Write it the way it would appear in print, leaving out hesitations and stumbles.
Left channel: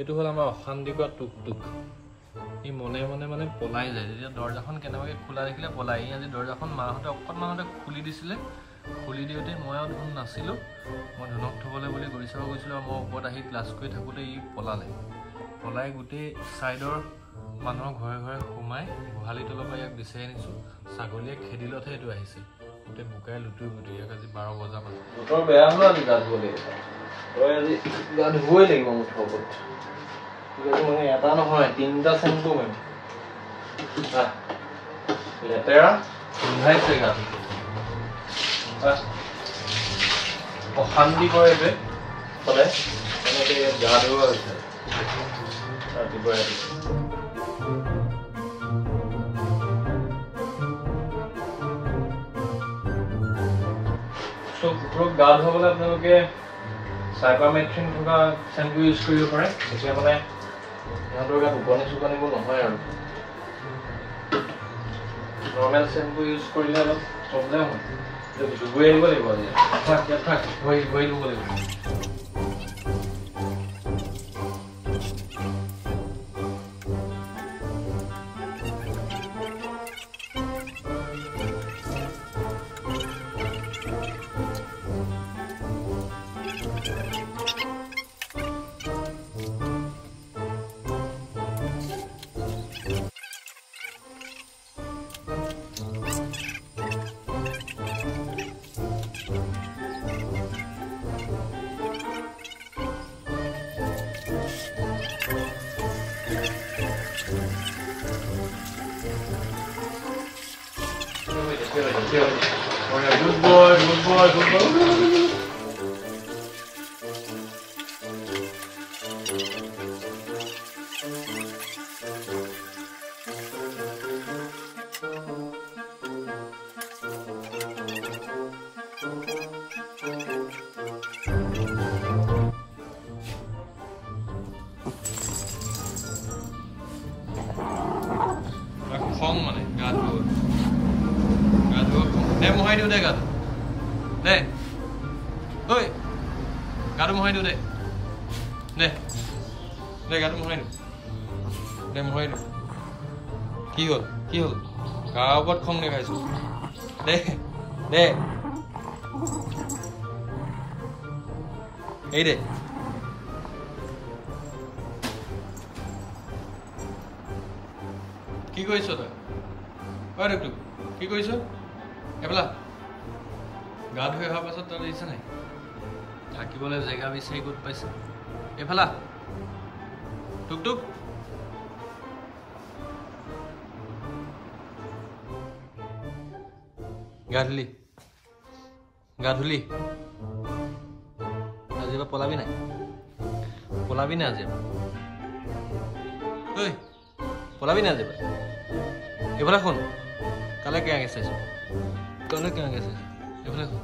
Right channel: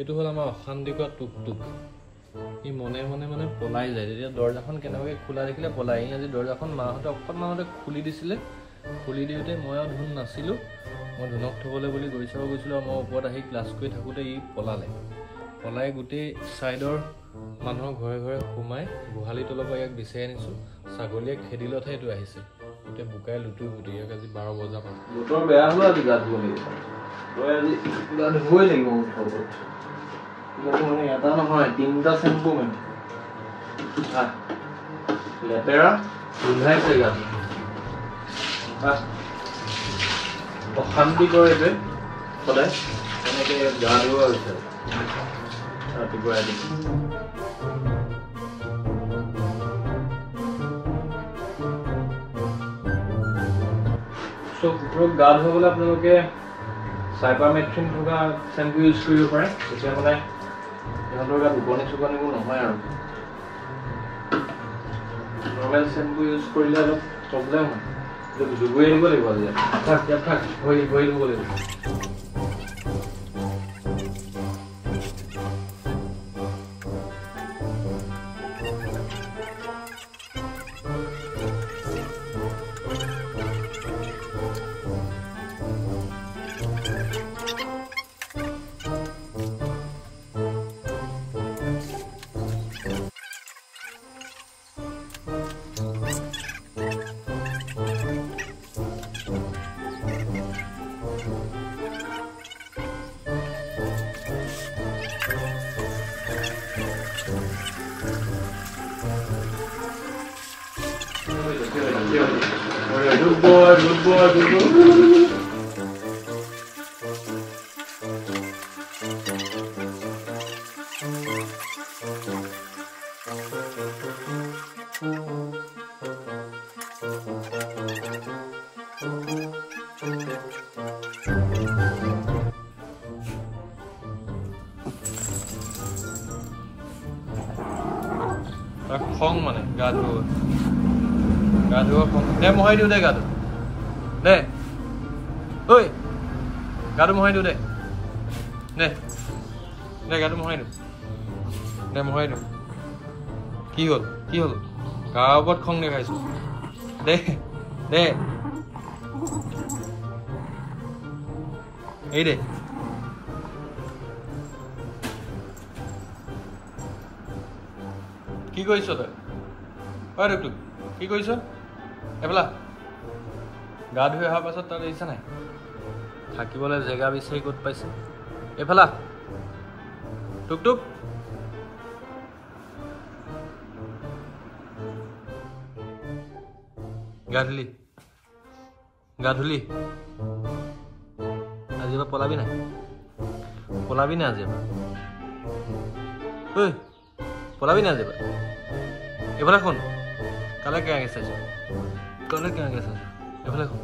এইটো হ'ল আমাৰ অশান্তিকৰ টুকটুক ই মনে মনে মানে পলাই যায় যেতিয়া দৰজাখন কেনেবাকৈ খোলা দেখিলে পলাই আজি দৰজাখন মাহঁতে অকণমানতে খুলি দিছিলে খুলি দিওঁতে মই আৰু ধুন নাছিলোঁ মই ধুনক থ'বলৈ বুলি গৈ চাব গৈছিলোঁ আৰু মই ওপৰত আহি ক্লাছ কৰি থাকোঁতে ই পলাই গোটেই ছাইডৰ মানুহৰ ঘৰে ঘৰে সোমাই গোহালি তলৰ পৰা ইয়াক বিচাৰি আনিছোঁ ছাগলীয়ে খেদিলতহে এইটো আহিছে গোটেই বোকাই লুটি ইয়াক আজি 12 বজাৰ বতৰ বেয়া হ'ল আজি গা ধুব লাগিব তই আজি গা ধুবই লাগিব ওপৰত মানে এটা নহয় 3টা চেম্পু মানে লেতেৰা গোন্ধাইছে গা অশান্তি কৰে যে সদায় তেনেকৈ গা ধুৱা হৈছে ৰাতিপুৱা কুকুৰক গা ধুৱাবলৈ আপোনালোকে চাইপামেথ্ৰিন থকা চেম্পু ইউজ কৰিব পাৰে তেতিয়া মানে সিহঁতৰ গাত উপনিবোৰ নহয় আৰু নৰ্মেল চেম্পু ইউজ কৰিলে অলপ প্ৰব্লেম হয় ডুবুৰি আহিব লাগিব আজি থাক ভৰি দিব লাগিব Good boy. খং মানে গা ধুব খং দে মহাই দিওঁ দে গাটো দে ঐ গাটো মহাই দিওঁ দে গাটো মহাই দিওঁ কি হ'ল গাৰ ওপৰত খং দেখাইছো দে এই দে কি কৰিছ তই ঐ টুকটুক কি কৰিছ এফালা গা ধুই অহাৰ পাছত তই দেখিছা নাই থাকিবলৈ জেগা বিচাৰি ক'ত পাইছে এফালা টুকটুক গা ধুলি আজিৰ পৰা পলাবি নাই আজিৰ পৰা ঐ পলাবি নাই আজিৰ পৰা এফালে শুন কালে কেনেকৈ চাইছ এফালে শুন